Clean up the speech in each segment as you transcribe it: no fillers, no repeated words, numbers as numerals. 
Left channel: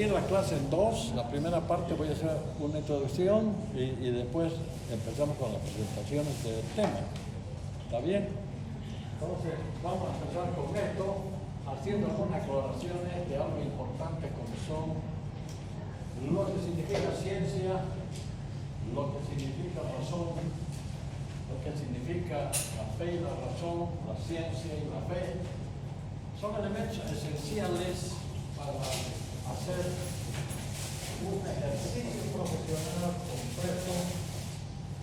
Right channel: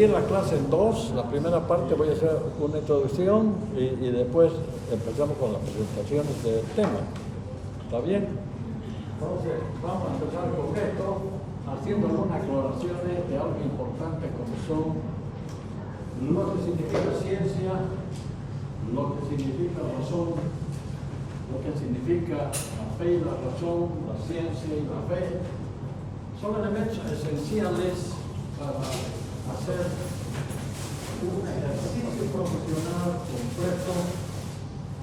dividir la clase en dos. La primera parte voy a hacer una introducción y después empezamos con las presentaciones del tema. ¿Está bien? Entonces, vamos a empezar con esto, haciendo algunas aclaraciones de algo importante como son lo que significa ciencia, lo que significa razón, lo que significa la fe y la razón, la ciencia y la fe. Son elementos esenciales para hacer un ejercicio profesional completo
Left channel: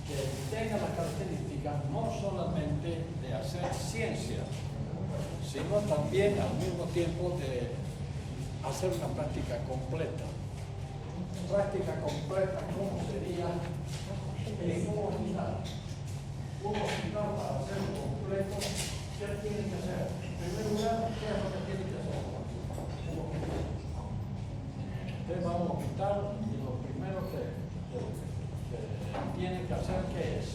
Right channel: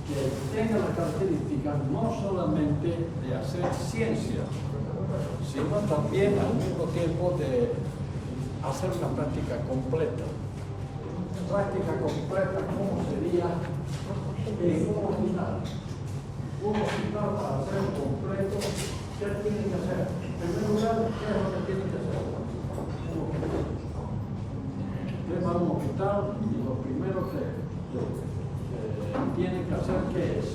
que tenga la característica no solamente de hacer ciencia, sino también al mismo tiempo de hacer una práctica completa. Práctica completa, ¿cómo sería? En un hospital. Un hospital para ser completo, ¿qué tiene que hacer? En primer lugar, ¿qué es lo que tiene que hacer? Usted va a un hospital y lo primero que tiene que hacer, ¿qué es?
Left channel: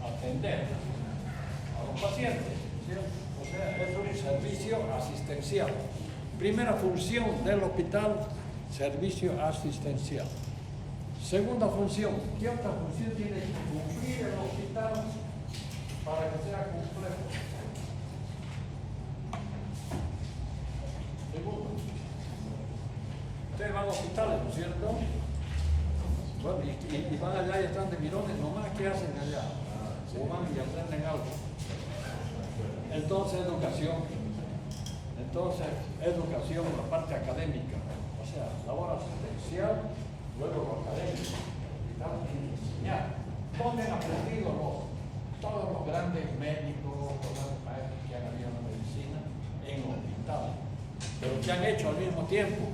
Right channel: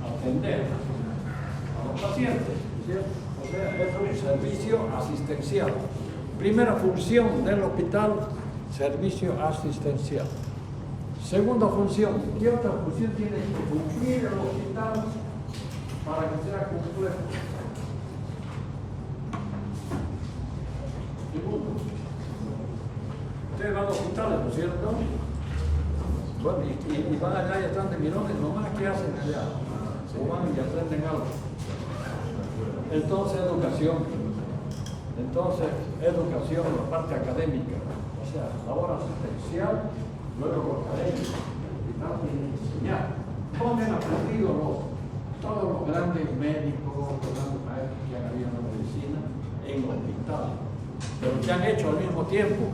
Atender a los pacientes, ¿cierto? O sea, es un servicio asistencial. Primera función del hospital, servicio asistencial. Segunda función, ¿qué otra función tiene que cumplir el hospital para que sea completo? Segundo, ustedes van a hospitales, ¿no es cierto? Bueno, y van allá y están de mirones, nomás ¿qué hacen allá? Se van y aprenden algo. Entonces, educación, la parte académica, o sea, labor asistencial, luego lo académico, y tanto enseñar. ¿Dónde han aprendido todos los grandes médicos, los grandes maestros que han habido en la medicina? En hospitales. Pero que han hecho al mismo tiempo,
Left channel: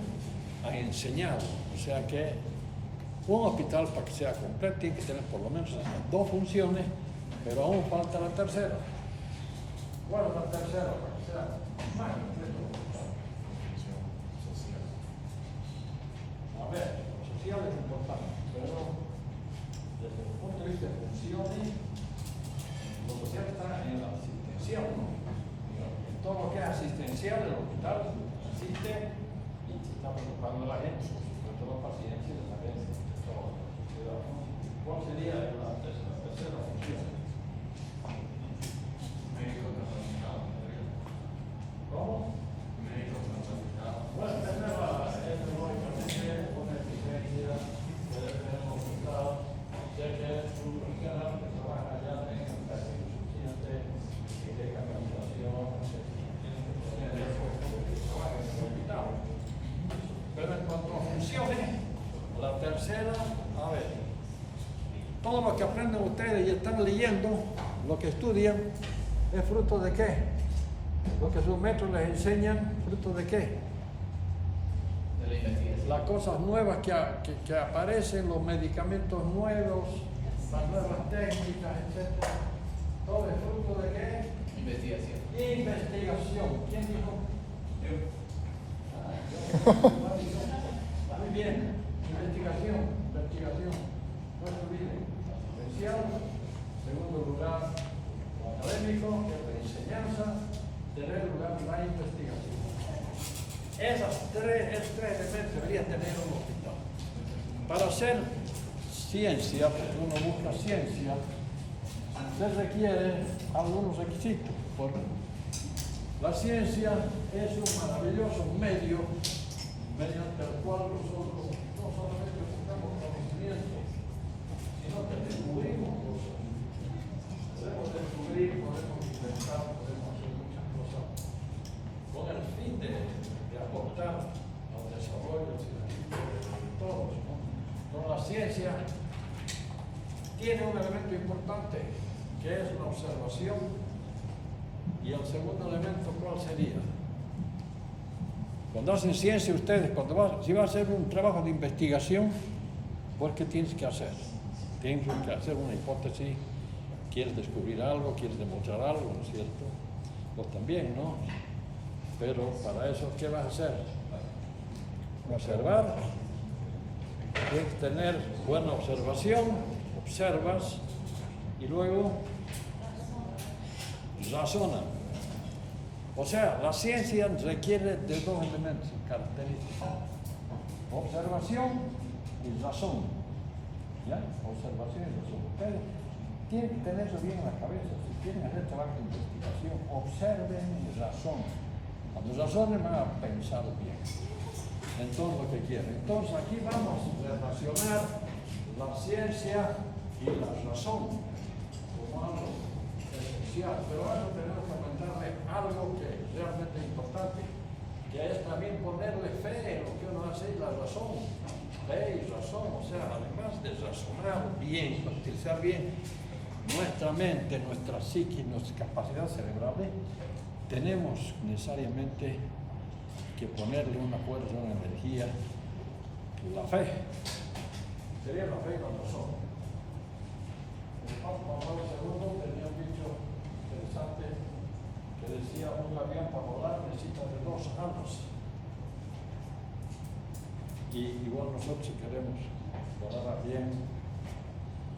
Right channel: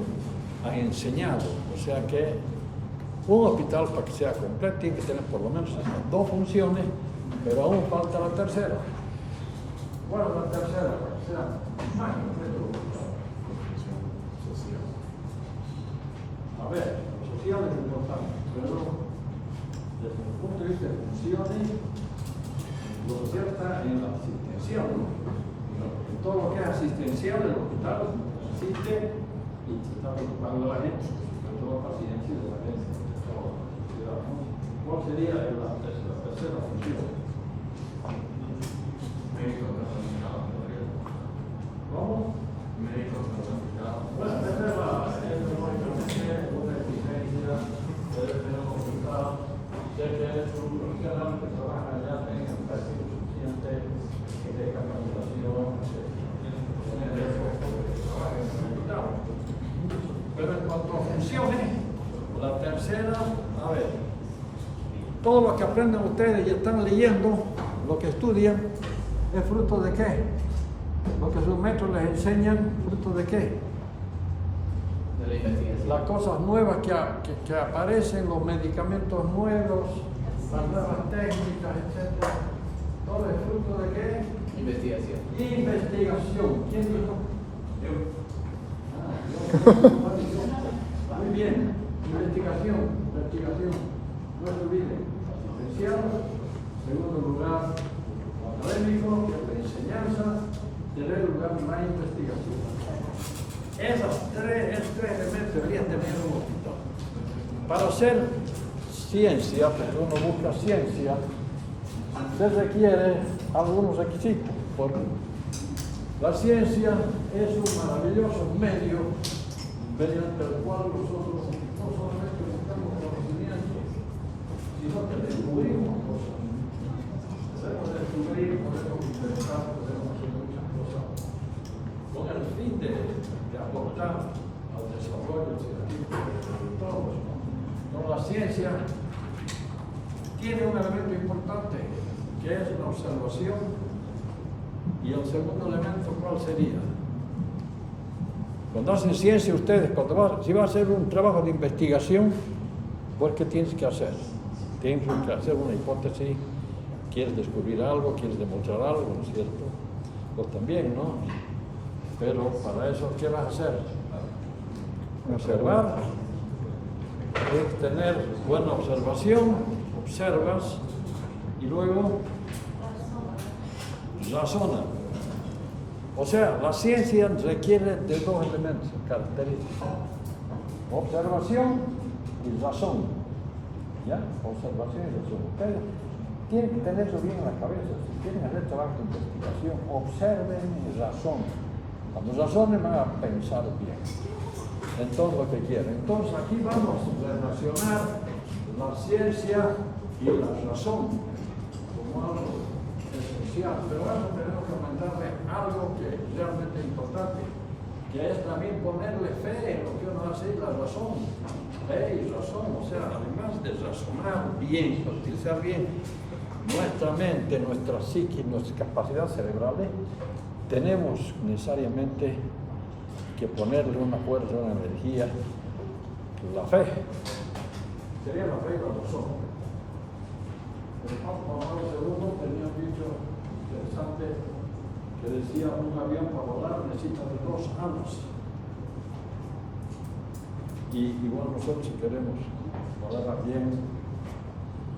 han enseñado. O sea que un hospital, para que sea completo, tiene que tener por lo menos esas dos funciones, pero aún falta la tercera. Bueno, la tercera, para que sea más completo. A ver, social es importante, pero desde el punto de vista de funciones, lo cierto está en la asistencial, ¿no? En todo lo que es asistencial, el hospital asiste y se está preocupando a la gente, de todo pacientes y de la gente, de todo. ¿Cuál sería la tercera función? Médico capacitado, ¿por qué? ¿Cómo? Médico capacitado. Bueno, esa es una exigencia, de un hospital, de que su profesional que trabaja allá tenga un perfil suficiente de capacitación, pero en cuanto a funciones, la tercera, a ver, todo lo que aprenden ustedes y están leyendo, lo que estudian, ¿es fruto de qué? Lo que sus maestros les enseñan, ¿fruto de qué? De la investigación. Las cosas nuevas que aparecen, los medicamentos nuevos, las nuevas técnicas, etc. ¿Todo es fruto de qué? Investigación. Investigación. ¿Quién dijo? Muy bien. Investigación. No se olviden. Asistencial. Segundo lugar, académico, que es la enseñanza. Tercer lugar, la investigación. Esos tres elementos deberían tener un hospital. Para hacer ciencia, porque uno busca ciencia, se requiere algunos requisitos. La ciencia es un maravilloso medio mediante el cual nosotros no solamente buscamos conocimiento, sino que descubrimos cosas. Podemos descubrir, podemos inventar, podemos hacer muchas cosas con el fin de aportar al desarrollo científico de todos. Pero la ciencia tiene un elemento importante, que es la observación. Y el segundo elemento, ¿cuál sería? Cuando hacen ciencia ustedes, si van a hacer un trabajo de investigación, pues ¿qué tienes que hacer? Tienes que hacer una hipótesis, quieres descubrir algo, quieres demostrar algo, ¿no es cierto? Pues también, ¿no? Pero para eso, ¿qué vas a hacer? Observar, es tener buena observación, observas y luego razona. O sea, la ciencia requiere de dos elementos característicos: observación y razón. ¿Ya? Observación y razón. Ustedes tienen que tenerlo bien en la cabeza. Si quieren hacer trabajo de investigación, observen y razonen. Cuando razonen van a pensar bien en todo lo que quieren. Entonces aquí vamos a relacionar la ciencia y la razón como algo esencial, pero ahora tenemos que mandarle algo que es realmente importante, que es también ponerle fe en lo que uno hace, la razón. Fe y razón, o sea, además de razonar bien, utilizar bien nuestra mente, nuestra psique, nuestras capacidades cerebrales, tenemos necesariamente que ponerle una fuerza, una energía, la fe. Sería la fe y la razón. El Papa Pablo II tenía un dicho interesante que decía: un avión para volar necesita de dos alas. Y igual nosotros, si queremos volar bien,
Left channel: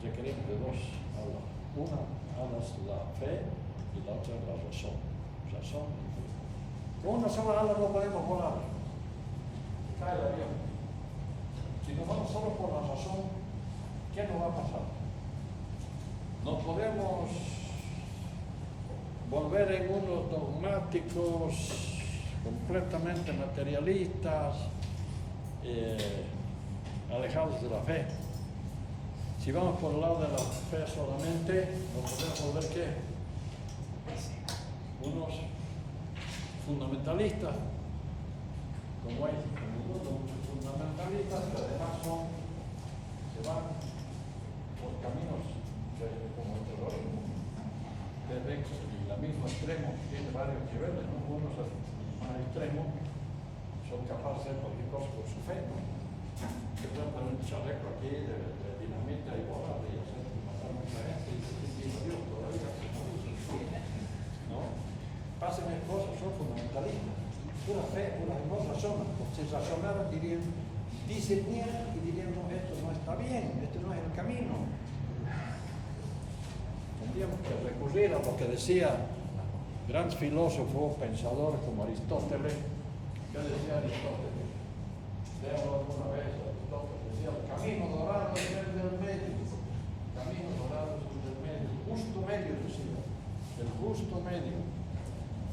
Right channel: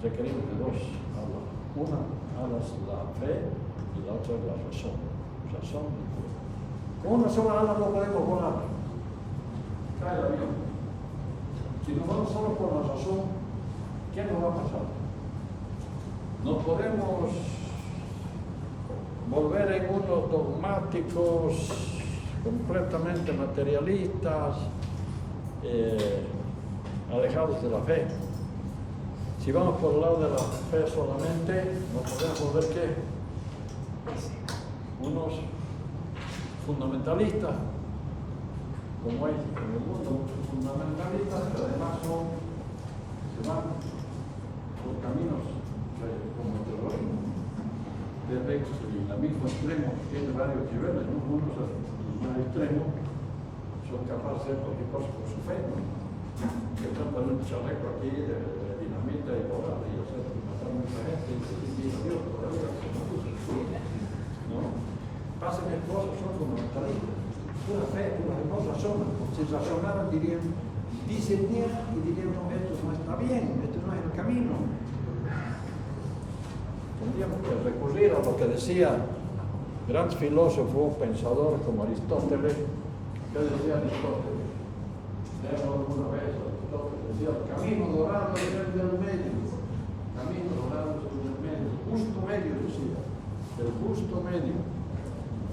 requerimos de dos alas. Una ala es la fe y la otra es la razón. Razón y fe. Con una sola ala no podemos volar. Cae el avión. Si nos vamos solo por la razón, ¿qué nos va a pasar? No podemos volver en unos dogmáticos completamente materialistas, alejados de la fe. Si vamos por el lado de la fe solamente, nos podemos volver ¿qué? Unos fundamentalistas, como hay en el mundo muchos fundamentalistas que además se van por caminos como el terrorismo, desde el mismo extremo, tiene varios niveles, ¿no? Unos más extremos son capaces de hacer cualquier cosa por su fe, ¿no? Que tratan un chaleco aquí de dinamita y volar y hacer matar a mucha gente y Dios, por la vida que se ¿no? Pasan de cosas, son fundamentalistas. Pura fe, puras cosas son. Si razonaran dirían, dicen bien y dirían, no, esto no está bien, esto no es el camino. Tendríamos que recurrir a lo que decía gran filósofo, pensador como Aristóteles. ¿Qué decía Aristóteles? Leemos una vez, Aristóteles decía: el camino dorado es el del medio. El camino dorado es el del medio. El justo medio, decía. El justo medio.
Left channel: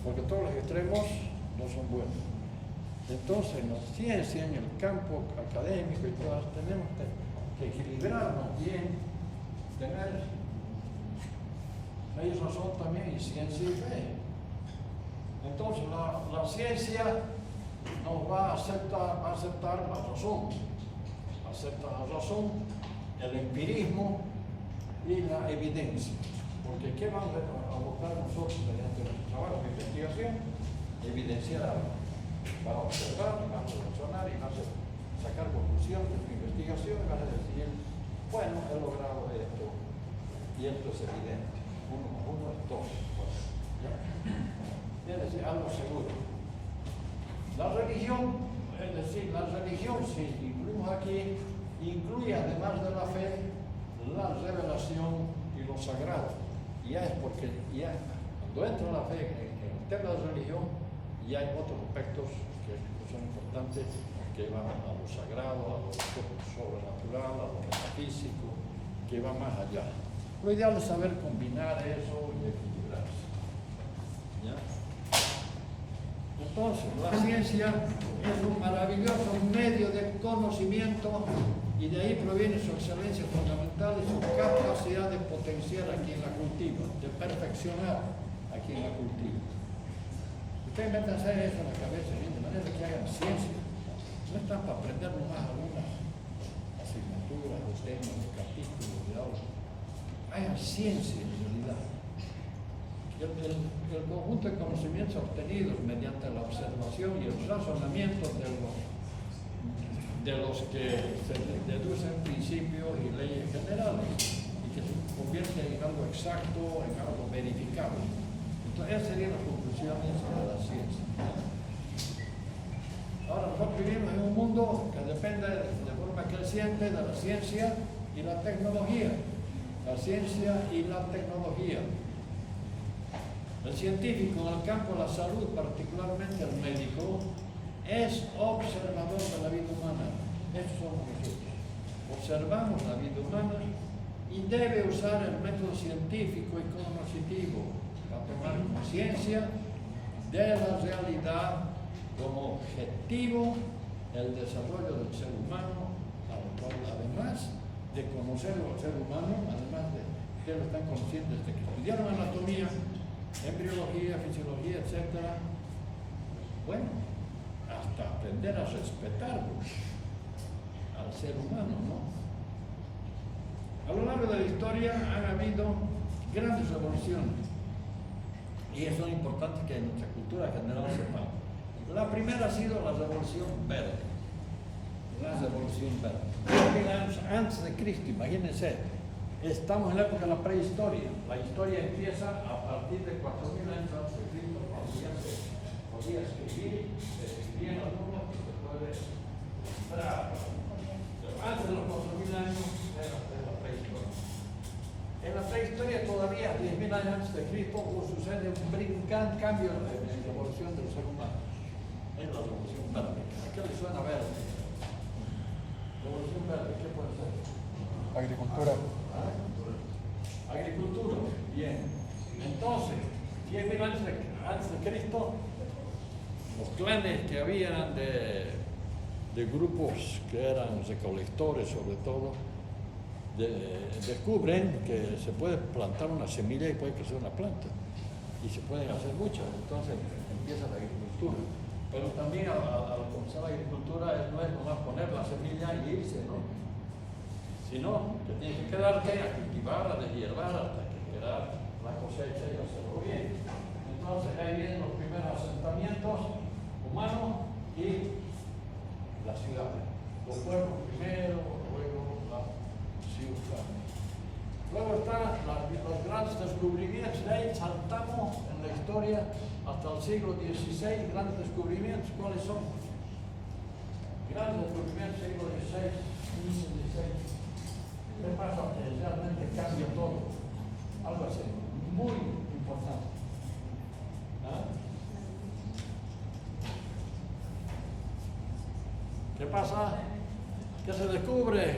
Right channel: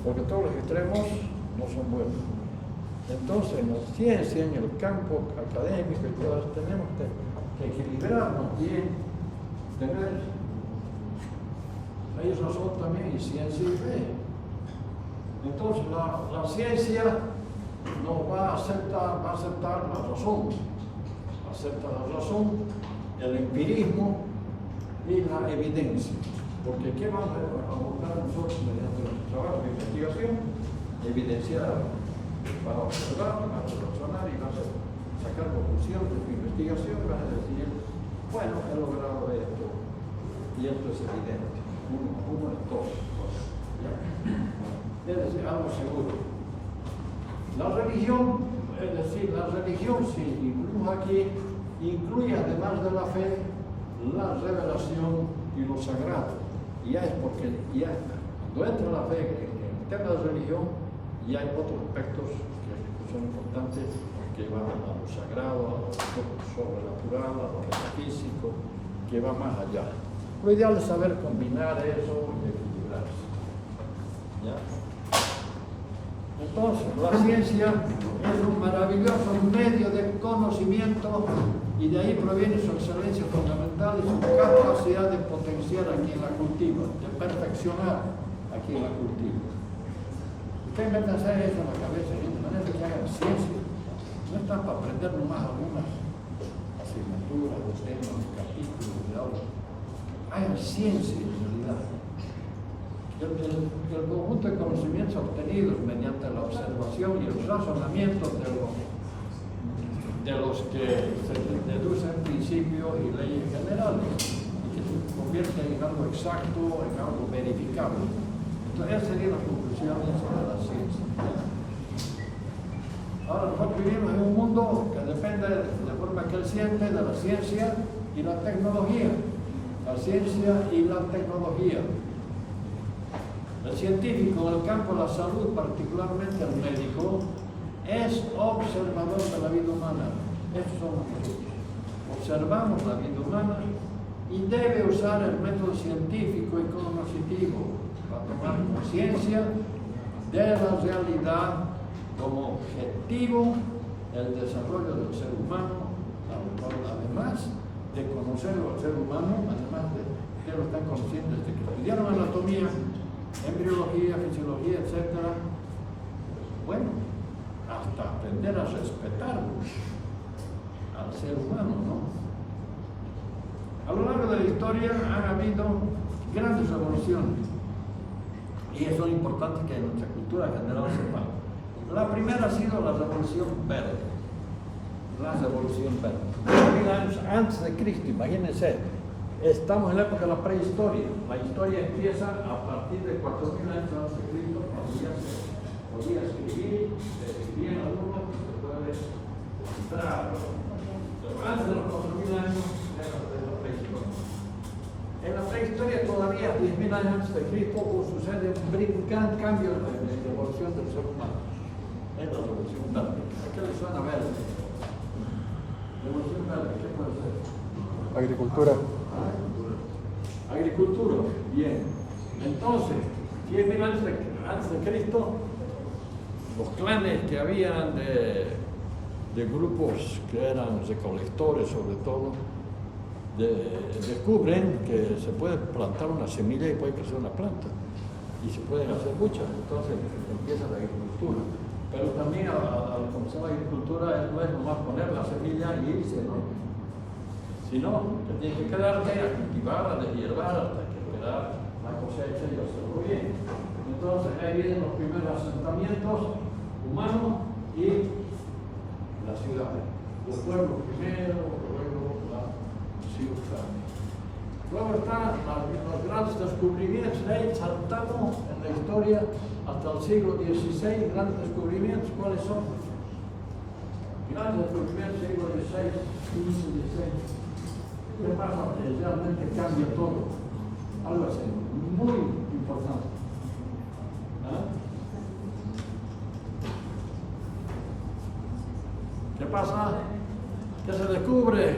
Porque todos los extremos no son buenos. Entonces, en la ciencia, en el campo académico y todas, tenemos que equilibrarnos bien, tener razón también y ciencia y fe. Entonces, la ciencia no va a aceptar la razón, acepta la razón, el empirismo y la evidencia. Porque ¿qué vamos a buscar nosotros mediante nuestro trabajo de investigación? Evidenciar, para observar, para razonar y para sacar conclusiones de tu investigación, y vas a decir, bueno, he logrado esto, y esto es evidente. Uno de dos cosas. Es decir, algo seguro. La religión, es decir, la religión, si incluimos aquí, incluye además de la fe, la revelación y lo sagrado. Y ya es porque ya cuando entra la fe en el tema de la religión, ya hay otros aspectos que son importantes, que van a lo sagrado, a lo sobrenatural, a lo metafísico, que va más allá. Lo ideal es saber combinar eso y equilibrarse. ¿Ya? Entonces, la ciencia es un maravilloso medio de conocimiento y de ahí proviene su excelencia fundamental y su capacidad de potenciar a quien la cultiva, de perfeccionar a quien la cultiva. Ustedes van a hacer eso en la cabeza, de manera que hagan ciencia. No están para aprender nomás algunas asignaturas, los temas, capítulos de aula. Hagan ciencia en realidad. El conjunto de conocimientos obtenidos mediante la observación y el razonamiento de los que se deducen principios y leyes generales y que se convierten en algo exacto, en algo verificable. Entonces, esas serían las conclusiones sobre la ciencia. Ahora, nosotros vivimos en un mundo que depende de la forma que él siente de la ciencia y la tecnología. La ciencia y la tecnología. El científico en el campo de la salud, particularmente el médico, es observador de la vida humana. Eso somos nosotros. Observamos la vida humana y debe usar el método científico y cognitivo para tomar conciencia de la realidad como objetivo el desarrollo del ser humano, además de conocerlo al ser humano, además de que lo están conscientes de que estudiaron anatomía, embriología, fisiología, etc. Bueno, hasta aprender a respetarlo al ser humano, ¿no? A lo largo de la historia han habido grandes revoluciones y eso es importante que en nuestra cultura general sepamos. La primera ha sido la Revolución Verde. La Revolución Verde. 2000 años antes de Cristo, imagínense. Estamos en la época de la prehistoria. La historia empieza a partir de 4000 años antes de Cristo, cuando ya se podía escribir, se escribían algunos, se puede citar. Pero antes de los 4000 años era la prehistoria. En la prehistoria todavía, 10.000 años antes de Cristo, sucede un gran cambio en la evolución del ser humano. En la Revolución Verde. ¿A qué le suena verde? Revolución Verde, ¿qué puede ser? Agricultura. Agricultura, bien. Entonces, 10.000 años antes de Cristo, los clanes que habían de grupos que eran recolectores, sobre todo, descubren que se puede plantar una semilla y puede crecer una planta. Y se pueden hacer muchas. Entonces, empieza la agricultura. Pero también al conocer la agricultura no es nomás poner la semilla y irse, ¿no? Sino que tiene que quedarte a cultivar, a deshiervar hasta que queda la cosecha y hacerlo bien. Entonces ahí vienen los primeros asentamientos humanos y las ciudades. Los pueblos primero, luego la ciudad. Luego están los grandes descubrimientos. De ahí saltamos en la historia hasta el siglo XVI, grandes descubrimientos. ¿Cuáles son? Grandes descubrimientos, siglo XVI, XV, XVI. ¿Qué pasa? Realmente cambia todo. Algo así, muy importante. ¿Ah? ¿Qué pasa? ¿Qué se descubre?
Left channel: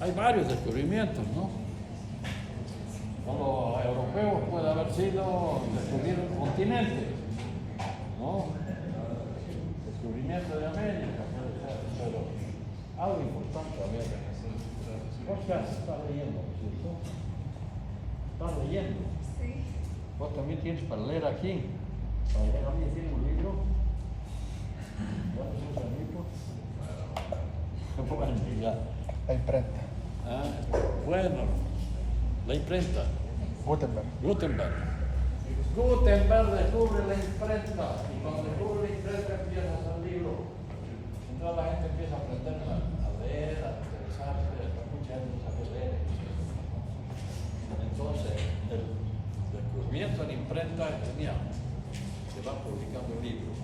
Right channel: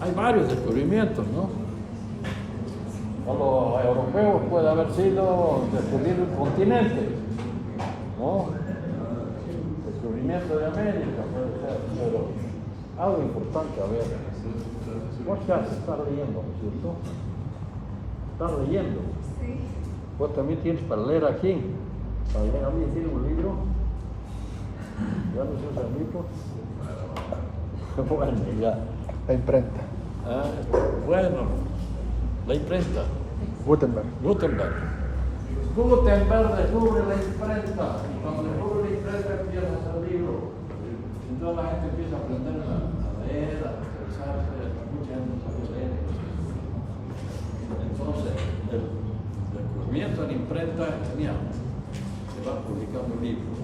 Hay varios descubrimientos, ¿no? Para los europeos puede haber sido descubrir un continente, ¿no? Descubrimiento de América puede ser, pero algo importante, a ver. ¿Vos qué haces? ¿Estás leyendo, cierto? ¿Estás leyendo? Sí. ¿Vos también tienes para leer aquí? ¿Alguien tiene un libro? ¿Ya no se usa el libro? Bueno, ya. La imprenta. Ah, bueno, la imprenta. Gutenberg. Gutenberg descubre la imprenta y cuando descubre la imprenta empieza a hacer libros. Entonces la gente empieza a aprender a leer, a expresarse, mucha gente sabe leer. Entonces el descubrimiento de la imprenta es genial. Se va publicando libros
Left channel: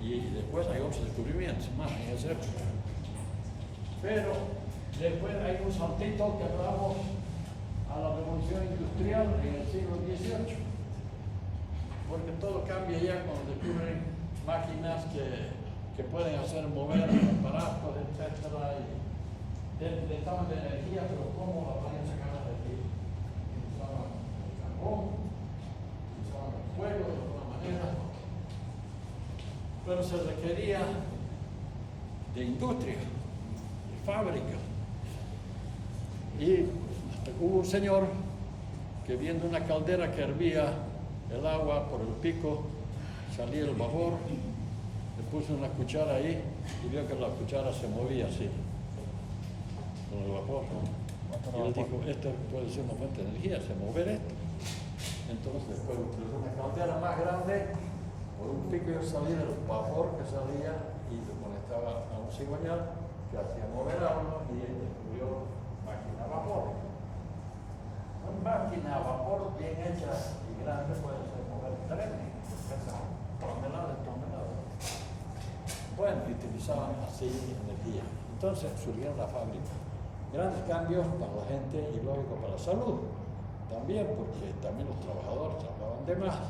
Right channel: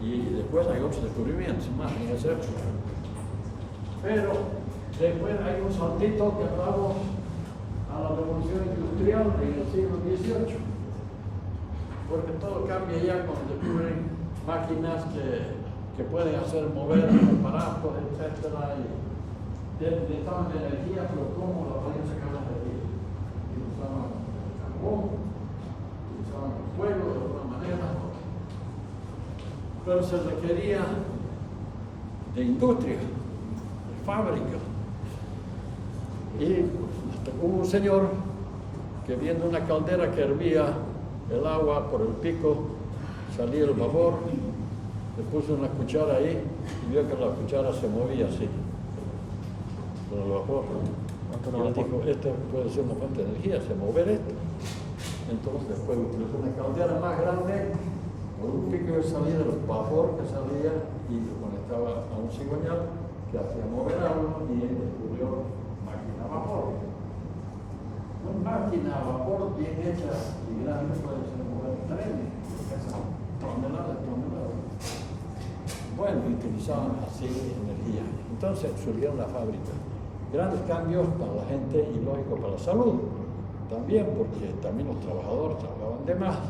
y después hay otros descubrimientos más en esa época. Pero después hay un saltito que hablamos a la revolución industrial en el siglo XVIII, porque todo cambia ya cuando descubren máquinas que pueden hacer mover aparatos, etc. Y necesitaban de energía, pero ¿cómo la pueden sacar la energía? Usaban carbón, usaban fuego de alguna manera, pero se requería de industria, de fábrica. Y hubo un señor que viendo una caldera que hervía el agua por el pico, salía el vapor, le puso una cuchara ahí y vio que la cuchara se movía así, con el vapor. Y él dijo, esto puede ser una fuente de energía, se mover esto. Entonces después utilizó una caldera más grande, por un pico de salida el vapor que salía y lo conectaba a un cigüeñal que hacía mover algo y él descubrió máquina a vapor. Una máquina a vapor bien hecha y grande puede ser mover trenes, toneladas. Bueno, utilizaban así energía. Entonces surgieron las fábricas. Grandes cambios para la gente y lógico para la salud. también, porque también los trabajadores trabajaban de más,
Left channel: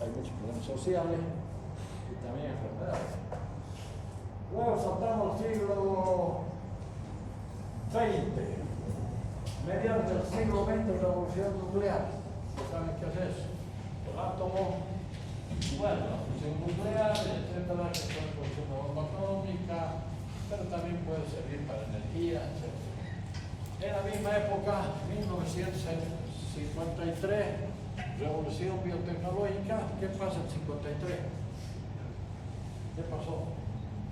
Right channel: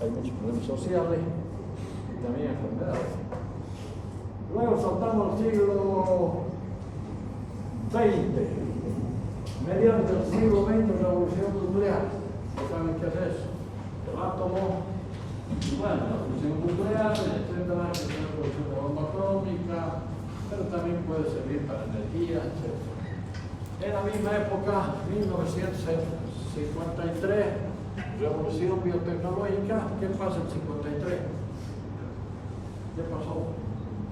hay muchos problemas sociales y también enfermedades. Luego saltamos al siglo XX, mediante el siglo XX, revolución nuclear. ¿Saben qué es eso? El átomo, bueno, la fusión nuclear, etcétera, que es la producción de bomba atómica, pero también puede servir para energía, etcétera. En la misma época, 1953, revolución biotecnológica. ¿Qué pasa en 53? ¿Qué pasó?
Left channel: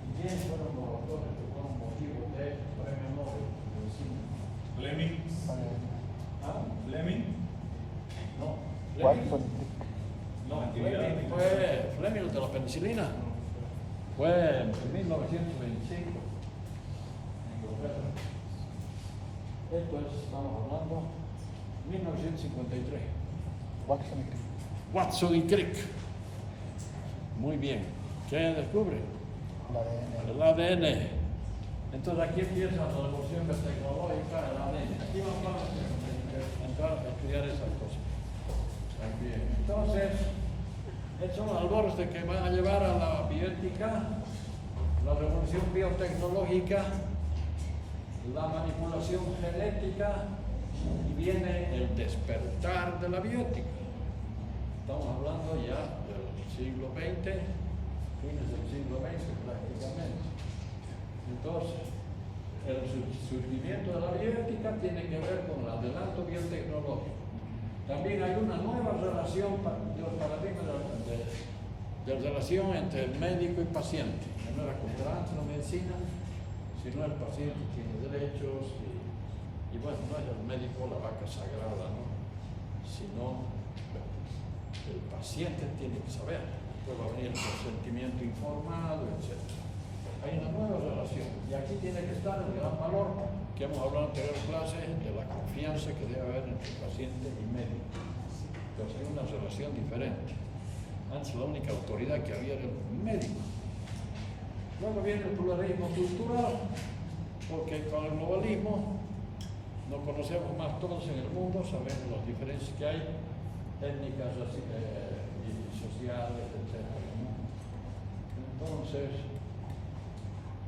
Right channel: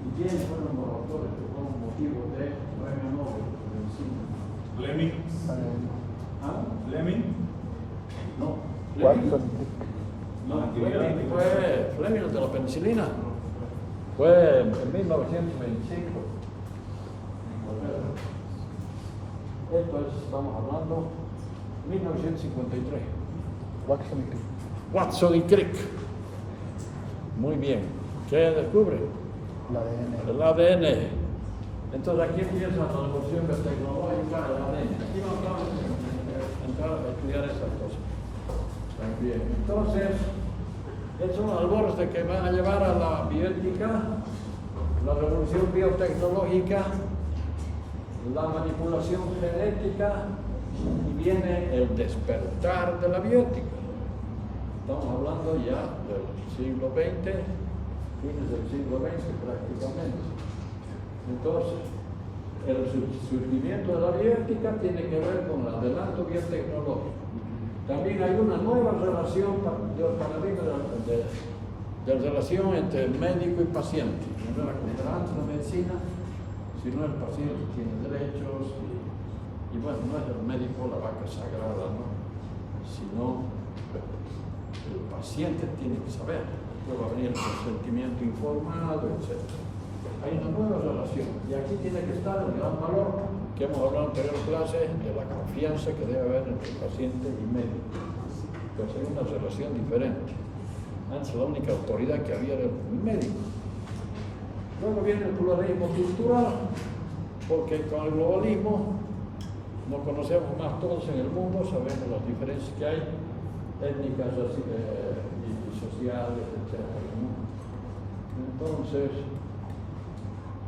¿Y quiénes fueron los autores que fueron motivos de premio Nobel de medicina? Fleming. ¿Ah? Fleming. No. Fleming. No, fue Fleming de la penicilina. Fue en 1925. Esto es, estamos hablando, 1953. Watson y Crick. Watson y Crick. Muy bien. ¿Qué descubre? La ADN. El ADN. Entonces aquí empieza la revolución tecnológica del ADN. Aquí vamos a entrar a estudiar esas cosas. Bien. Entonces, estos son albores de que van a llevar a la bioética, la revolución biotecnológica, la manipulación genética y viene el despertar de la bioética. Estamos hablando ya del siglo XX, fines del siglo XX prácticamente. Entonces, el surgimiento de la bioética tiene que ver con el adelanto biotecnológico. También hay una nueva relación, paradigma de relación entre médico y paciente. No era como era antes la medicina, sino el paciente tiene derechos y bueno, no es el médico la vaca sagrada, ¿no? Sino el paciente tiene que saber. Después va a venir el consentimiento informado, etc. Hay una nueva relación y aquí tiene que estar el gran valor que hemos hablado en anterior clase de la confianza que debe haber entre paciente y médico. Entonces hay una relación diferente. Antes la única autoridad que había era el médico. Luego viene el pluralismo cultural, porque con el globalismo nos conocemos más todos en el mundo, sabemos las diferencias que hay, étnicas y sociales, etc. Entonces,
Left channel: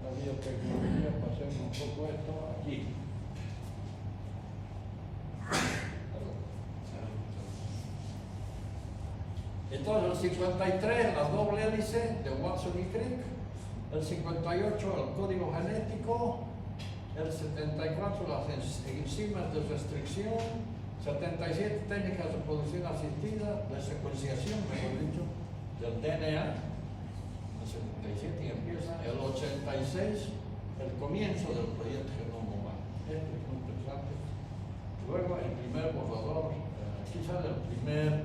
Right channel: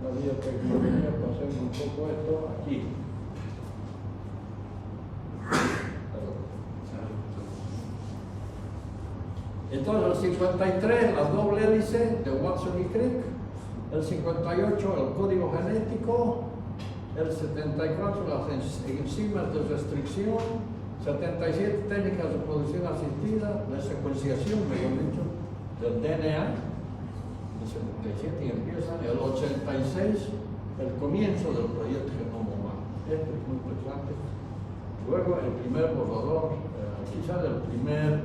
la biotecnología, pasemos un poco esto aquí. Entonces, el 53, la doble hélice de Watson y Crick. El 58, el código genético. El 74, las enzimas de restricción. 77, técnicas de producción asistida, de secuenciación, mejor dicho, del DNA. El 77 y empieza el 86, el comienzo del proyecto Genoma Humano. Esto es muy interesante. Luego, el primer borrador, aquí sale el primer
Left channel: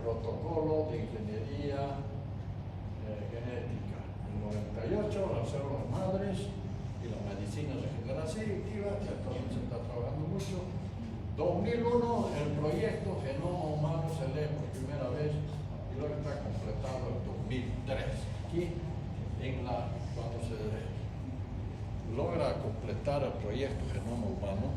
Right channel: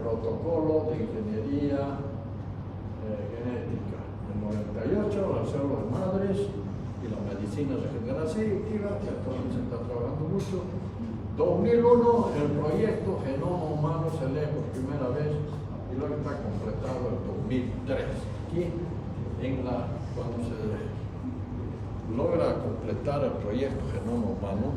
protocolo de ingeniería genética. En 98, las células madres y la medicina regenerativa, que actualmente se está trabajando mucho. 2001, el proyecto Genoma Humano se lee por primera vez y luego está completado en 2003. Aquí, cuando se logra completar el proyecto Genoma Humano,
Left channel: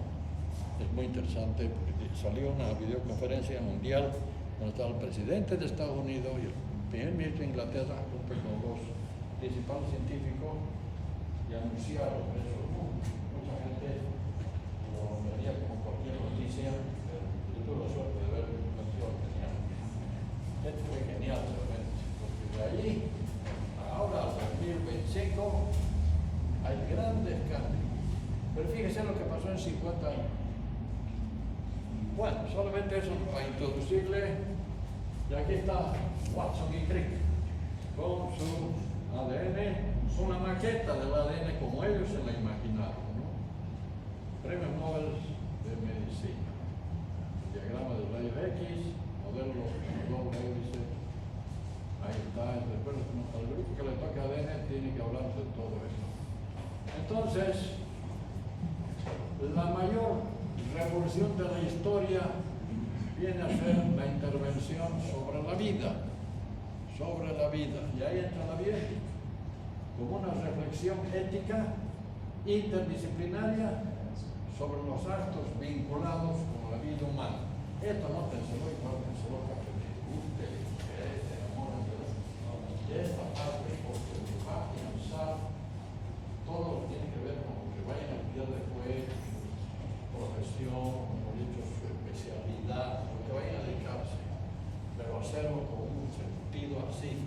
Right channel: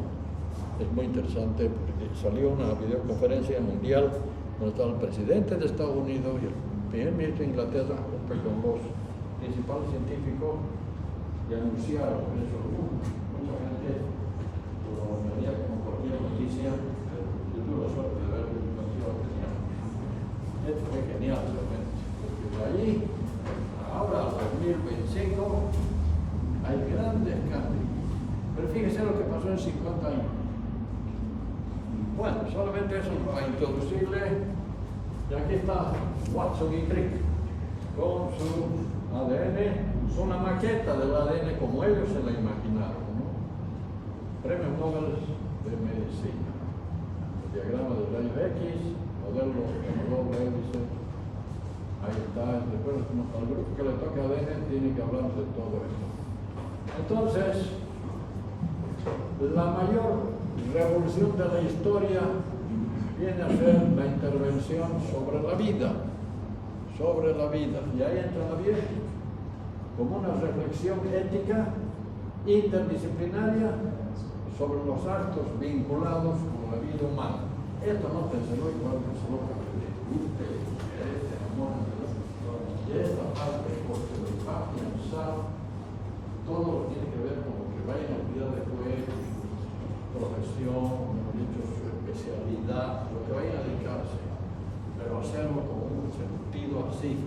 es muy interesante porque salió una videoconferencia mundial donde estaba el presidente de Estados Unidos y el primer ministro de Inglaterra, junto con los principales científicos, y anunciaron eso. Mucha gente lo veía como cualquier noticia. Yo tuve la suerte de ver la información. Esto fue genial realmente. Porque allí, ahora, en 2025, hay grandes cambios. Pero fíjense lo que pasó en 50 años. Bueno, solamente eso para introducirle. Y aquí está Watson y Crick con su ADN, una maqueta del ADN como ellos se la imaginaron, ¿no? Premio Nobel de Medicina. El diagrama de rayos X, modelo de la doble hélice. Ahí está. Después al grupo que le toca ADN tiene que hablar de todo esto. Entonces, la mayor revolución de la historia viene a ser la intervención sobre la vida. Sobre la vida. Y ahí entra la bioética como una reflexión ética interdisciplinaria sobre los actos vinculados con la vida humana. Esto no pensarlo igual, pensarlo para que les guste, les interese, amor, y esta parte, porque lo va a pensar, todo lo que tiene que ver con lo que va a ir en la vida después, profesión, como he dicho, su especialidad, lo que vaya a dedicarse, pero hacerlo con un sentido así,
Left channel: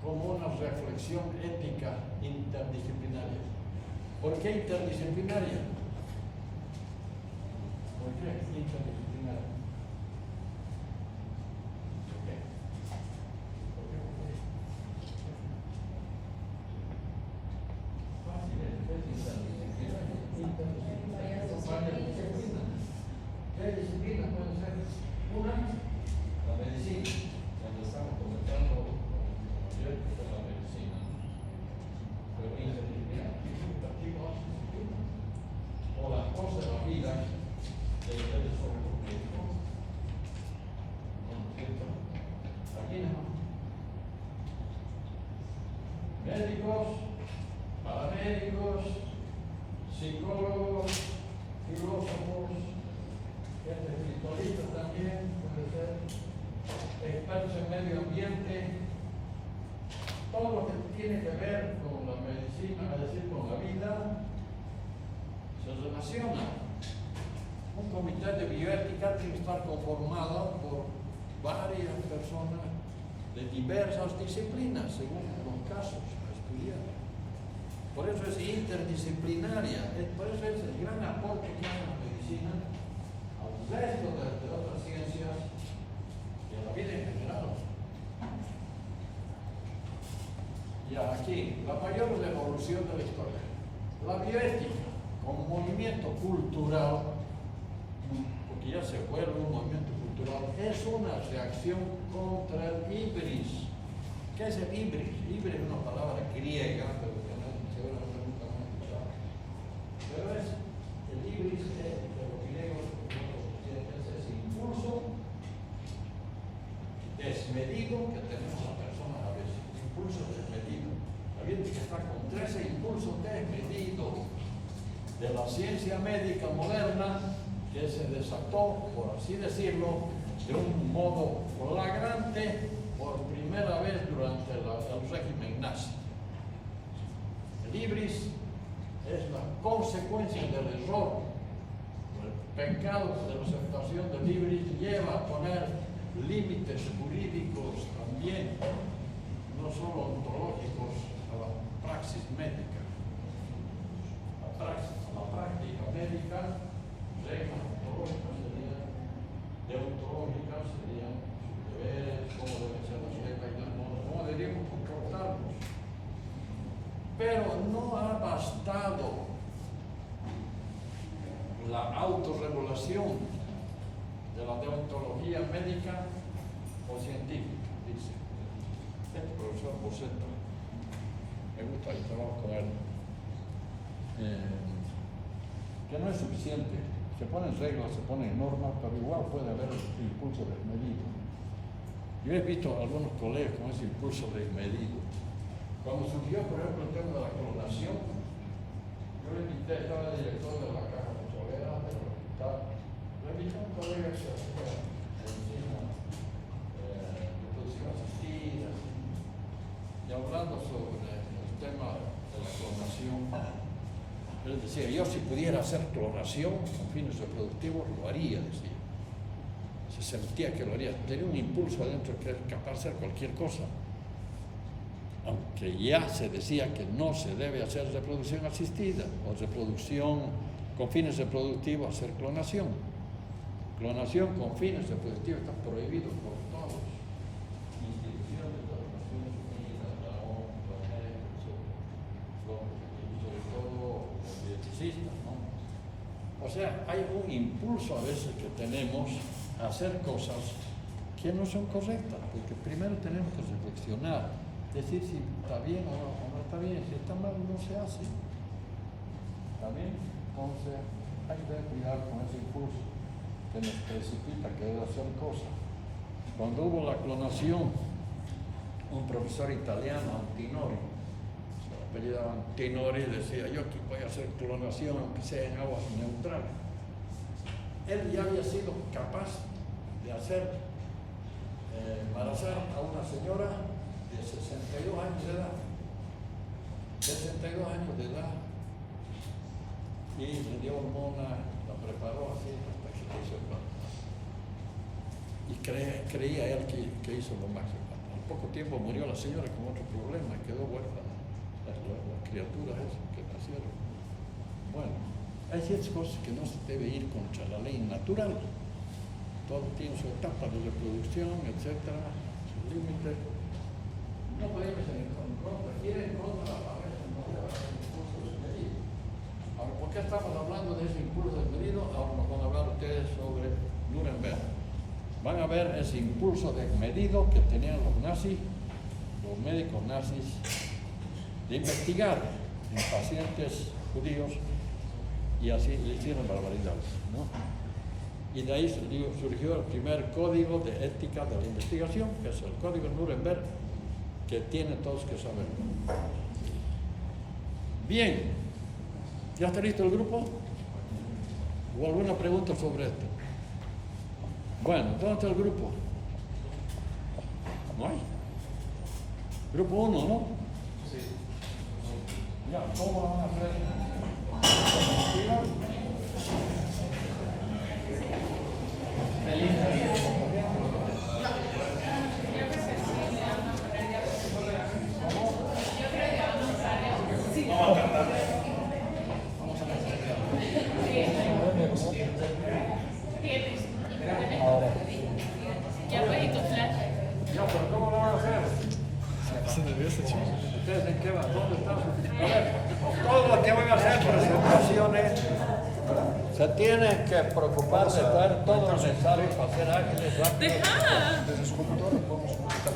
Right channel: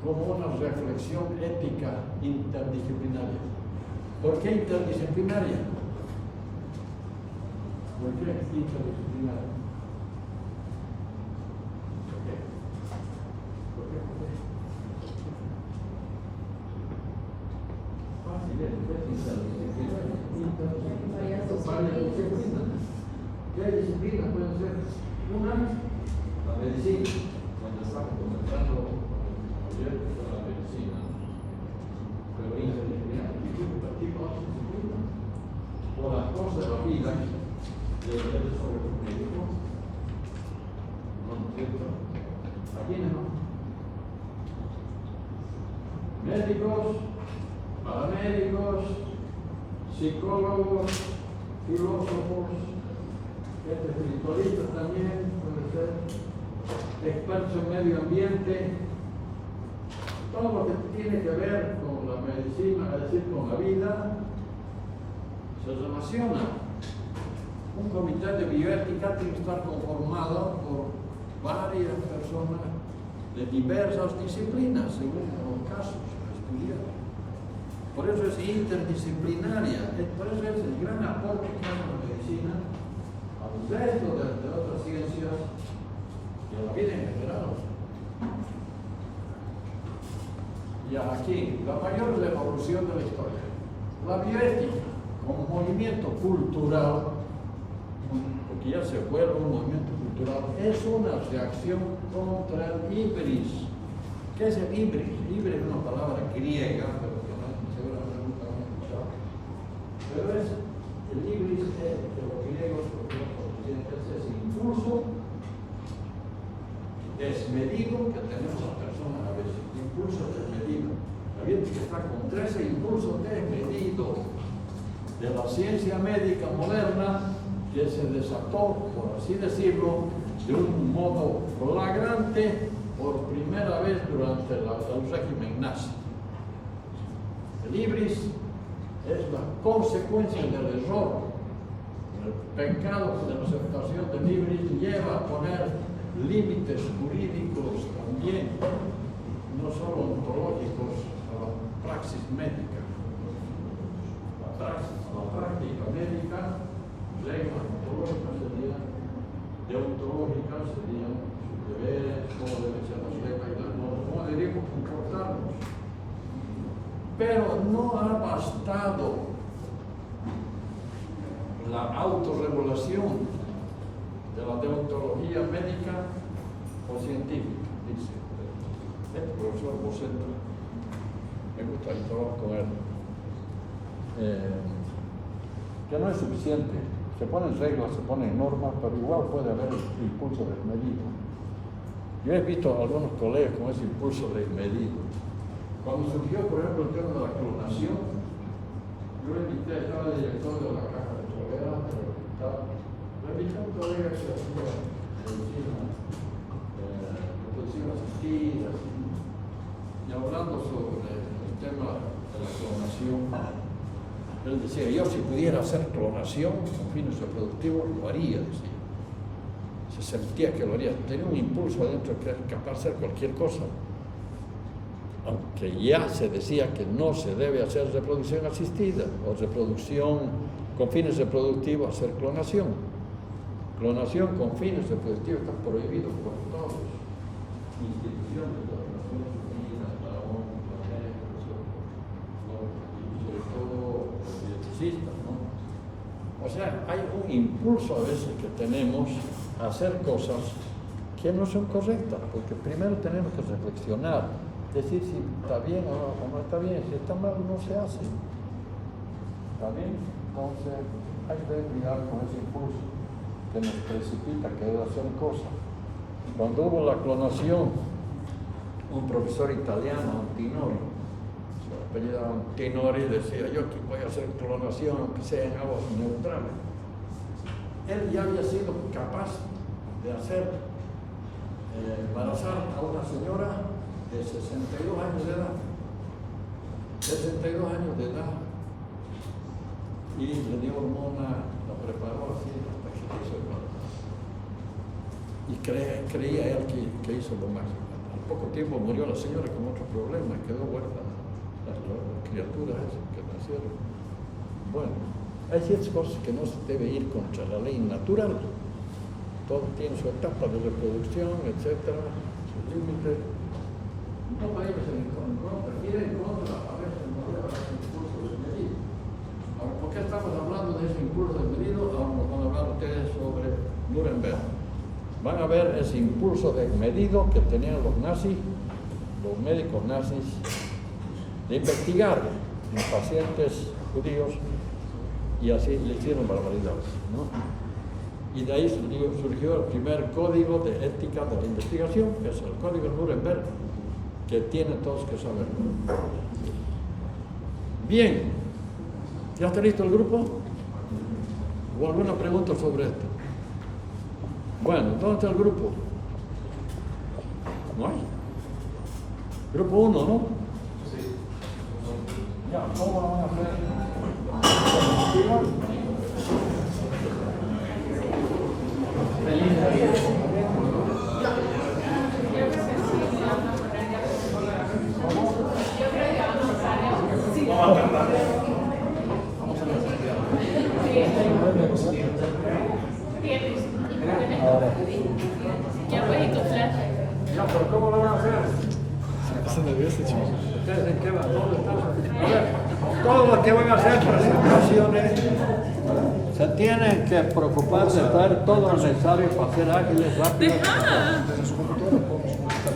como una reflexión ética interdisciplinaria. ¿Por qué interdisciplinaria? ¿Por qué interdisciplinaria? ¿Por qué? ¿Por qué? Fácil, ¿qué es interdisciplinaria? Varias disciplinas. ¿Qué disciplinas pueden ser? Una, la medicina. Cuando estamos comentando el proyecto de la medicina, pero interdisciplinaria. ¿Qué tipo de disciplina? O las cosas de la vida. ¿Leyes sobre los médicos? ¿No es cierto? Aquí no. Médicos, paramédicos, psicólogos, filósofos, espiritualistas también, puede ser, expertos en medio ambiente, todo lo que tiene que ver con la medicina, es decir, con la vida, se relaciona. Un comité de bioética tiene que estar conformado por varias personas de diversas disciplinas, según los casos a estudiar. Por eso es interdisciplinaria, por eso es el gran aporte que hace la medicina al resto de otras ciencias y a la vida en general. Y aquí, la mayor revolución de la historia, la bioética como movimiento cultural, porque ya se vuelve un movimiento cultural, es una reacción contra el ibris. ¿Qué es el ibris? Ibris es una palabra griega, pero que no seguramente nunca lo han escuchado. Pero es el ibris de los griegos, es impulso desmedido que tenemos las personas a veces. Impulso desmedido. La gente que está contra ese impulso desmedido de la ciencia médica moderna, que se desató, por así decirlo, de un modo flagrante por primera vez durante el régimen nazi. El ibris es la consecuencia del error. El pecado de la aceptación del ibris lleva a poner límites jurídicos también, no solo ontológicos, a la praxis médica. La práctica médica, reglas ontológicas serían, deontológicas serían sus deberes, cómo deben ser las reglas y cómo debemos comportarnos. Pero no ha bastado la autorregulación de la deontología médica o científica, dice el profesor Boceta. Me gusta el trabajo con él. Que no es suficiente. Se ponen reglas, se ponen normas, pero igual puede haber impulso desmedido. Yo he visto a algunos colegas con ese impulso desmedido. Cuando surgió, por ejemplo, el tema de la clonación, yo invité, estaba el director de la caja de tolerante del hospital, le invité a un colega que se hacía reproducción asistida, y hablando sobre el tema de la clonación. Él decía, yo si pudiera hacer clonación con fines reproductivos, lo haría, decía. Se sentía que lo haría, tenía un impulso adentro que era capaz de hacer cualquier cosa. Aunque ya se decía que no se debe hacer reproducción asistida o reproducción con fines reproductivos, hacer clonación. Clonación con fines reproductivos está prohibido por todas las instituciones de las Naciones Unidas, la ONU, sobre todo los bioticistas, ¿no? O sea, hay un impulso a veces que tenemos a hacer cosas que no son correctas, porque primero tenemos que reflexionar, decir si está bien o no está bien, si está mal no se hace. ¿Está bien? Entonces hay que tener cuidado con ese impulso que nos precipita a querer hacer cosas. Cuando hubo la clonación, un profesor italiano, Antinori, se apellidaba Antinori, decía, yo aquí voy a hacer clonación aunque sea en aguas neutrales. él ya había sido capaz de hacer embarazar a una señora de 62 años de edad. 62 años de edad. Y le dio hormona, la preparó así hasta que hizo el embarazo. Y creía él que hizo lo máximo. Al poco tiempo murió la señora con otro problema, quedó huérfana. Las criaturas esas que nacieron. Bueno, hay ciertas cosas que no se debe ir contra la ley natural. Todo tiene su etapa de reproducción, etcétera, sus límites. No vayamos en contra, ir en contra a veces no lleva a ese impulso desmedido. Ahora, ¿por qué estamos hablando de ese impulso desmedido? Ahora nos van a hablar ustedes sobre Nuremberg. Van a ver ese impulso desmedido que tenían los nazis, los médicos nazis, de investigar en pacientes judíos y así le hicieron barbaridades, ¿no? Y de ahí surgió el primer código de ética de la investigación, que es el código Nuremberg, que tienen todos que saber. Bien, ¿ya está listo el grupo? ¿O alguna pregunta sobre esto? Bueno, ¿dónde está el grupo? ¿No hay? Grupo 1, ¿no? Sí. Ya, ¿cómo lo van a hacer? Feliz Navidad. Ya puedes tu flash. Ya, pero ¿cómo lo van a hacer? Se nervioso, chicos. ¿Ustedes en qué van? ¿Dónde están? A ver, todos los que van a hacer presentaciones se tienen que preocupar de traer todo lo necesario para ser ágiles, rápidos. Desde su computadora podemos buscar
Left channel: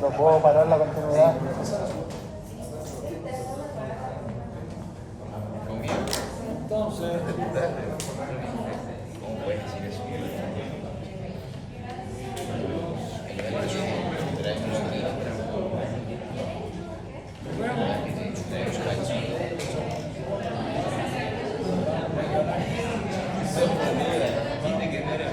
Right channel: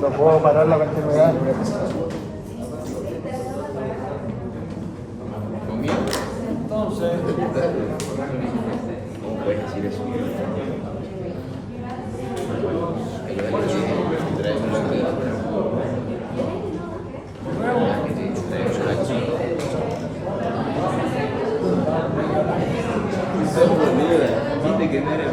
no puedo parar la actividad. Entonces, ¿Cómo puedes decir eso? ¿cuál es su problema? Dice que no eres